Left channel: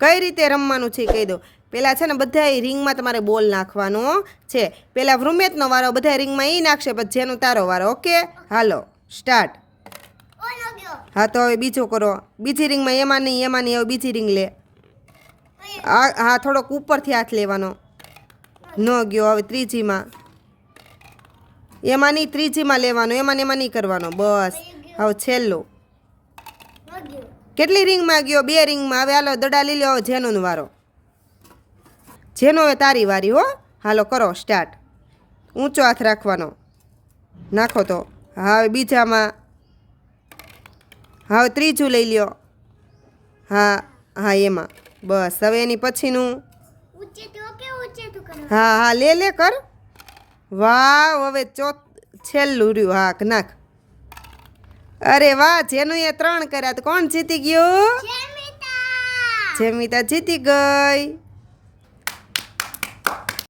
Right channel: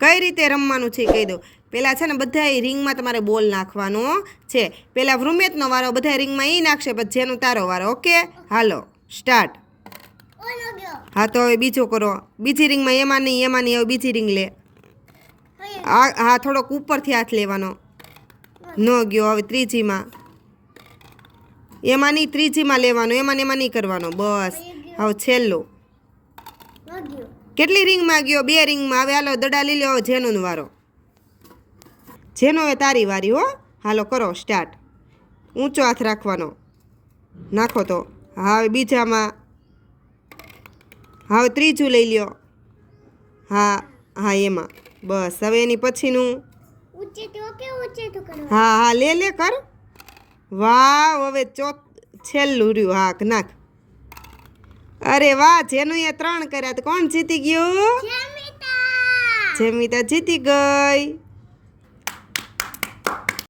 કઈ રીતે રમવાનું છે કહી દો. પહેલાં છે ને બધાય રિંગમાં તમારે બોલ નાખવાનો છે. પહેલાં વૃમેશનો વારો, બધા રિંગમાં એ નાખશે, પછી જેનું તારો વારો. ઓકે, હાલો સ્ટાર્ટ. હા તો હવે બીજો કરો. બીજી રિંગમાં એમાં નહીં હવે બીજી રિંગ લે. હા થોડોક ઉપરથી હાથ લેવાનો. ન ગયો. હવે ત્રીજીમાં એમાં નહીં, ત્રીજીમાં લેવાનો. એમાં નહીં કરવાનો. બસ હવે છેલ્લું. કેટલી રિંગમાં ગયો? 2 રિંગમાં. હવે હાલો દડા લઈ લો. જેનો વારો. જેનો હવે તારી વારી હો. હાલો કરો સ્ટાર્ટ. ઊંચો હાથ રાખવાનો. નાખો તો. હવે બીજામાં. હવે ત્રીજું લઈ લ્યો. હા એમાં. બસ હવે એની પછીનું. હા લે કર. વાહ, હવે છેલ્લું રહ્યું. હા નાખ. અરે વાહ, જેનું એ 3 કર્યા તો કોણ જીતી ગયું? જેમિતા જીતી ગઈ.